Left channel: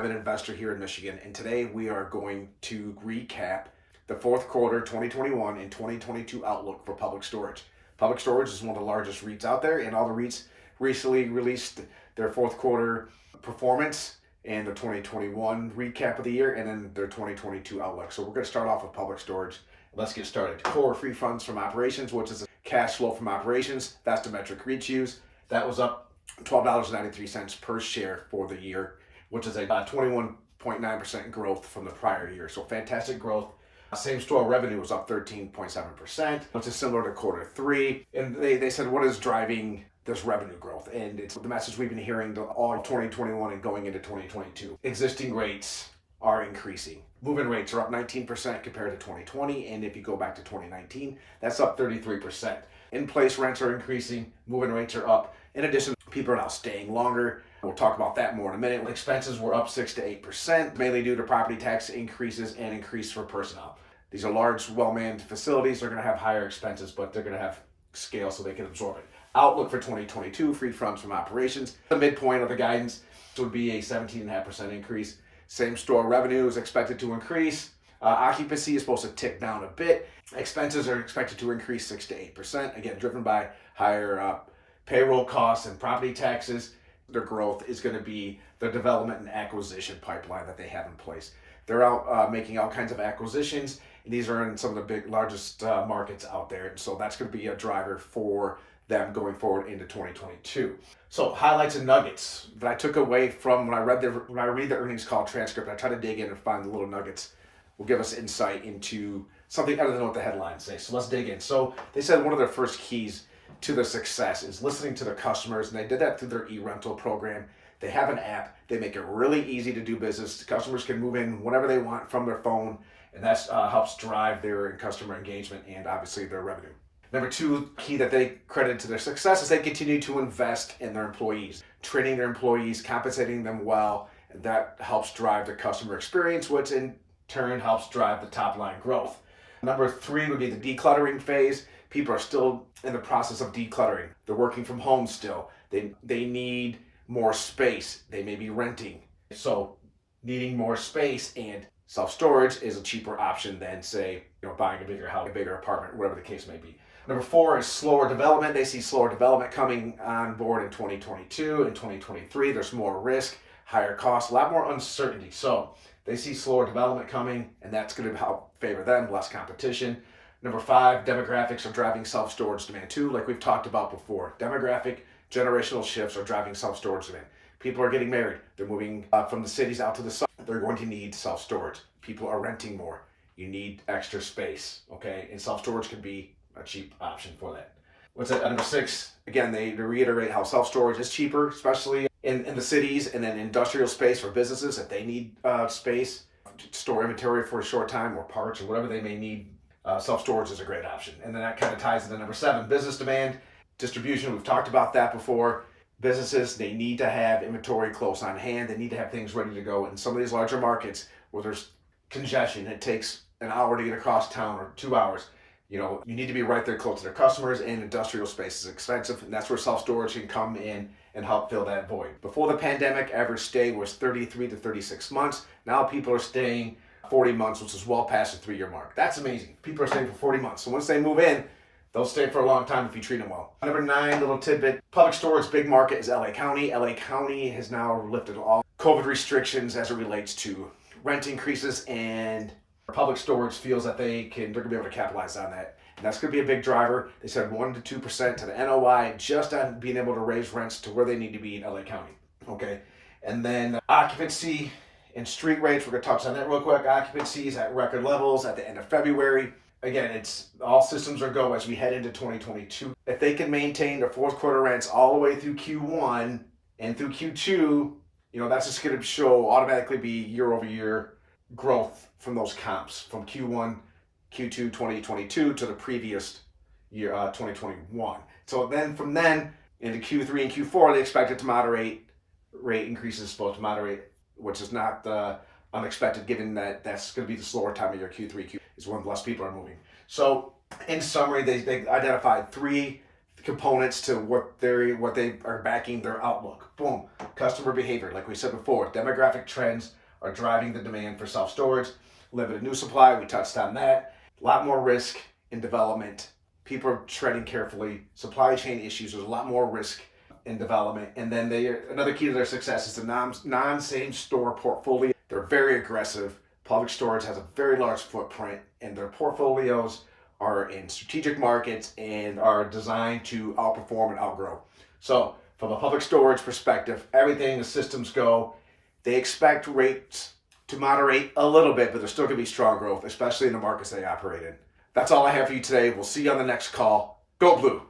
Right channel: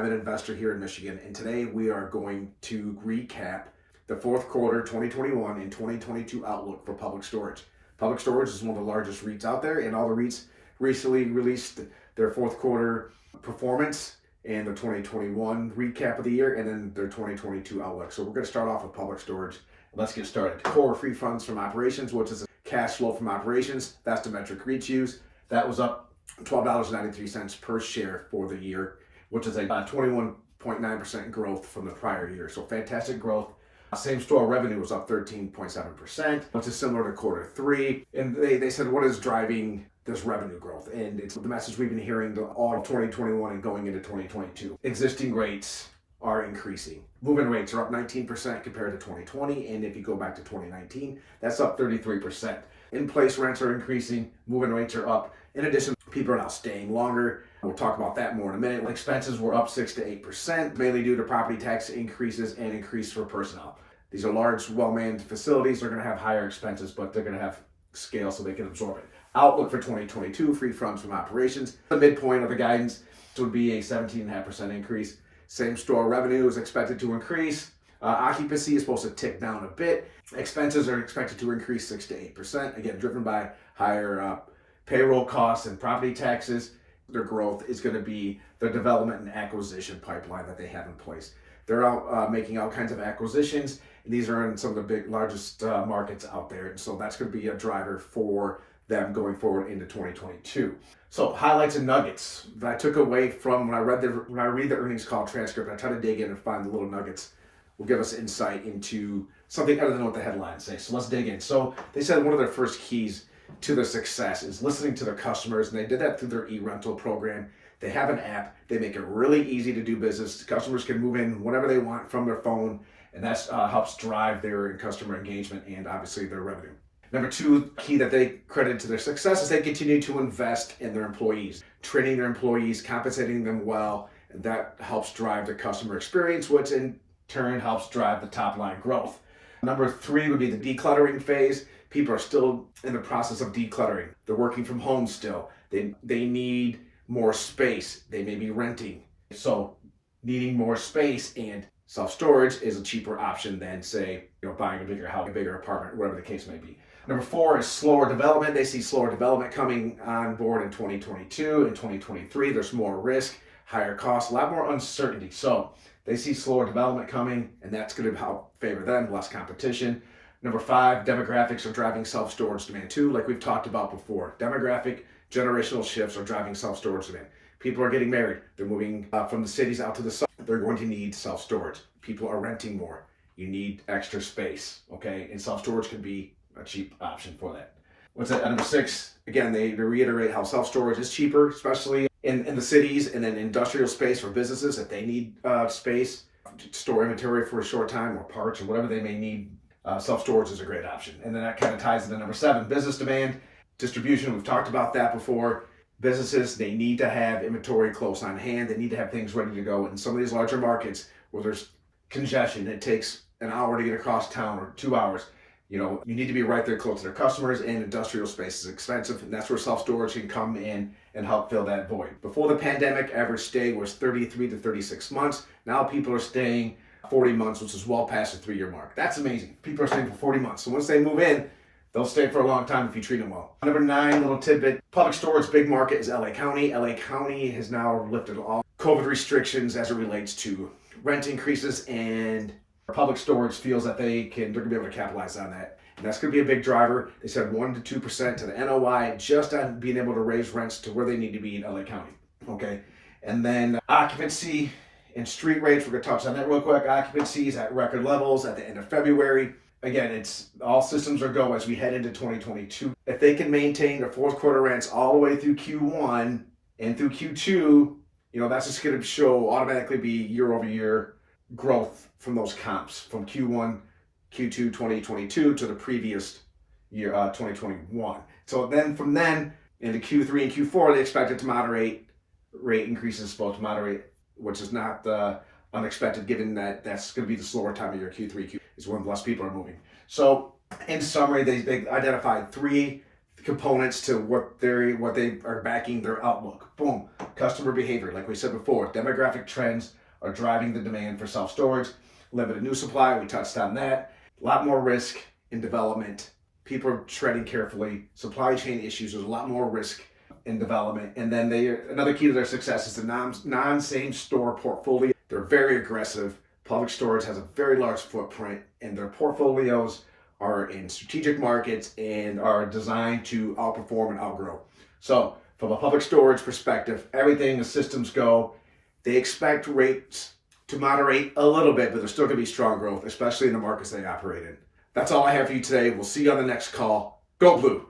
I'm an investor here in Michigan, and today we are going to recap the fourth quarter 2021 and 2022 outlook for Public Storage. Public Storage is one of the largest REITs out there, and all the REITs recently released their fourth quarter performance and their 2021 recap of the year, and then their 2022 outlook. So we're going to start off with Public Storage. Let's get started. Core free funds from operations, which is cash flow from operations. That's the metric REITs use. That was up $12.93 per share for the year, which is a 21.9% growth from the prior year. So fantastic growth. Same store revenue was up 13.7%, which is similar to quarter three. And they said, what is driving this revenue growth? And it's the message we've been hearing all of 2021 and going into 2022. Existing rates are increasing. Move-in rates are up 19% compared to 2020. And if you go back to 2019, that's up 33%. In-place rents are increasing. Move-in rates are up. In addition, people are now staying longer. We'll talk about that more in a minute. Expenses were up 6 to 8%, mainly due to property tax increases and increase for personnel. These are large, well-manned facilities. They're going to have higher expenses, but they're going to have scale so they can absorb it. Outlook for 2022, free funds from operations. The midpoint of the guidance would be a 17.5% increase. Same store revenue is expected to increase. Occupancy is supposed to tick down a bit. Expenses are expected to increase 6 to 8%, again, driven by higher payroll costs and property taxes. Their growth is going to be the development and acquisition pipeline that they have in place. They're out making all kinds of acquisitions, and these are in some of the largest markets out there. And so that's going to be a driver for them going forward into 2022. So highlights and nuggets that I took away from when I read the earnings call transcript. I try to dig in and find the little nuggets will give us insight into something other than what the headlines say. So let's dig in. So they said one of their first keys to their success is listening to their customers, and they did that through their e-rental program. They have an app. They make it really easy to do business. The customers can move in whenever they want from their phone, and that helps drive their customer engagement and obviously their revenue. Number two key that they credit to their success is they continue to invest in their employees, training their employees, compensating them well, and that helps drive the customer experience, which in turn helps drive the top line growth. Number three would be the decluttering phase. People are still in the process of decluttering. They're working from home still. They need more space. They may be renting. So needing more space and self-storage is a cheaper option than, say, buying a bigger house, a bigger apartment, whatever the case may be. Number four is slower development. They see slower development coming on board in 2022 and 2023. There's more risk, higher costs, a lot more uncertainty. So they see slower development coming, and that's going to help favor them, less competition. Number five, demographics are driving self-storage demand too, like we've talked about before. Demographic generational shifts are driving self-storage demand. People are getting married. They're moving from the cities out to the suburbs. They're going to need self-storage. People are renting more. You need extra space, okay? And self-storage can be a cheap option for that. What's that? Number six, again, they reiterate how self-storage is cheaper, especially in the cities, and then industrial space for businesses if they need space, store inventory for a short time or parts or whatever they may need. Self-storage is a great option. And then that kind of ties into number seven, business demand, distribution. We've talked about that before. Businesses, they need to have inventory close on hand. They need to have things ready to go. In some of these larger markets where there's congestion, it takes an hour to get across town or 2 hours. You need to be right there close to their customers, and industrial space is expensive. And that's where self-storage can come in and help fill that void. Before the pandemic, average stay was 33 to 36 months. Now people are staying 40 months, which is well past the 3-year mark. That's amazing. People are staying for 40 months. So once they move in, they'll stay for a long time if you treat them well. Number nine, little tidbit. Public storage big market is LA County. LA County has now lifted all COVID restrictions as it relates to rent increases, and public storage feels that they're going to be able to capitalize on that. And that's going to be a big driver. They said 1 to 2% to the NOI just on being able to raise rents to where they need to be in LA County. Okay. And then occupancy and street rates, we're going to touch on that real quick. Occupancy is at record levels at the end of February. Again, it's all systems are go as we head into 2022. If they can maintain the fourth quarter rents all the way through Q1 and through Q2, that's just going to automatically be year over year growth from those comps from Q1, Q2 2022 to the previous year, 2021. So then from then into Q3 and Q4, they expect it to moderate. Rate increases supposed to moderate, which is not unexpected given that that's going to be the slower time of year. Q3 is when less people are moving. So in summary, they identified three components to what they are backing their outlook. Boom. Customer behavior, like we said before, demographic trends are driving the demand for self-storage. Limited new supply, we touched on that. A lot more risk in development. People are treading carefully. Supply chain issues, there's a lot more risk in development. And then another key to their success is the non-same store portfolio. They're very aggressive. Public Storage has a very large footprint, and their portfolios are in strategic markets and are designed to outperform and outgrow. So from a Public Storage perspective, everything as systems go, they expect rates to moderate a little bit, but there's still going to be strong growth, especially in the markets they operate in. That's all I have for you today. We'll see you on the next call. Go Blue!